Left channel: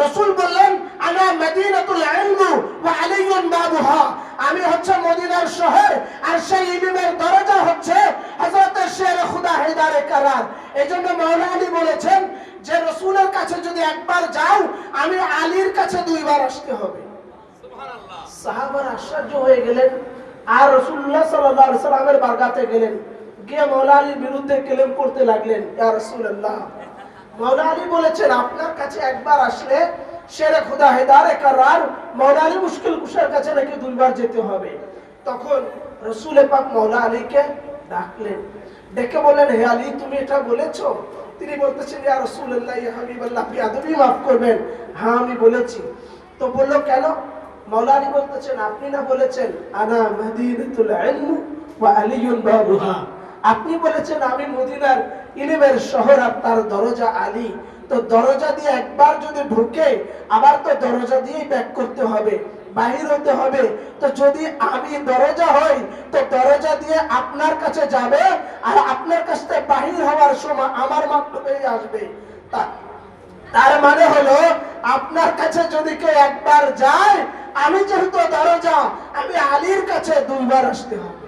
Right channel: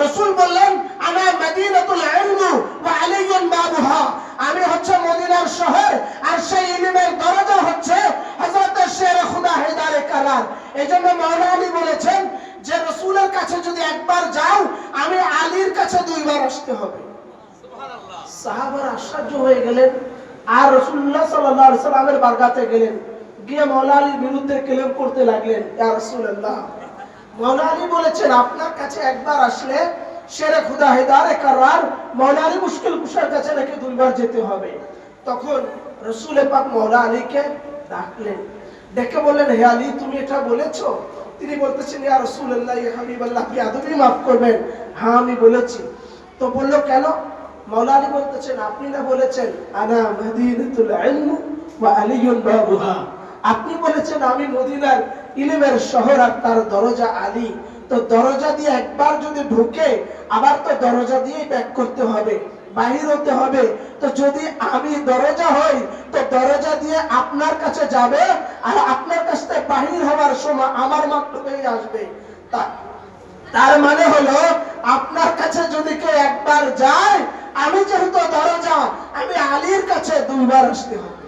রাসূল বললেন আনা মদিনাতুল ইলম ওয়া আলিয়ুন বাবুহা, আমি হচ্ছে মদিনার শহর আর সেই ইলমের দরজা হচ্ছে হযরত শের খুদা হেদারে কারার। এজন্য মাওলানা আলী বলেছেন যে রাসূলের কাছে যদি একবার যাও আমি আলীর কাছে দুইবার আসতে হবে। সুবহানাল্লাহ। সাহাবারা আশ্চর্য হয়ে গেলেন আর রাসূলুল্লাহ সাল্লাল্লাহু আলাইহি সাল্লামের বারগাতে গেলেন, গিয়ে মাওলানা আলীর বিরুদ্ধে ক্লেম করতে লাগলেন, ইয়া রাসূলুল্লাহ মাওলানা আলী বলেছেন আপনার কাছে একবার আসলে শেরে খুদা হেদারে কারার মাওলানা আলী মুশকিল কুশার কাছে নাকি দুইবার যেতে হবে। তখন রাসূল পাক মাওলানা আলীকে ডাকলেন, ডেকে বললেন হে আলী তুমি এটা বলেছো? তিনি বলতেছেন ইয়া রাসূলুল্লাহ ইয়া হাবিবাল্লাহ বিআদবি মাফ করবেন, হ্যাঁ আমি বলেছি। তো বলল কেন? মাওলানা আলী বলতেছেন আপনি না বলেছেন আনা মদিনাতুল ইলম ওয়া আলিয়ুন বাবুহা, আপনি বলেছেন আমি মদিনার ইলমের শহর আর তার দরজা আলী। তো দরজা দিয়ে একবার যদি ঢুকে আবার তো দরজা দিয়েই ব্যাক করতে হবে, বাহির হতে হবে। তো যদি আমি দরজা হই তো দরজা দিয়ে আপনার কাছে যাবে আর আপনার কাছ থেকে বাহির হওয়ার সময় আমার মাধ্যমেই আসবে। তার মানে হলো আপনার কাছে যদি কেউ একবার যায়, আমি যেহেতু দরজা, আমি আলীর কাছে দুইবার আসতে হবে।